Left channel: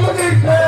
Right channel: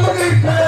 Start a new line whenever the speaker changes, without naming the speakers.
morir.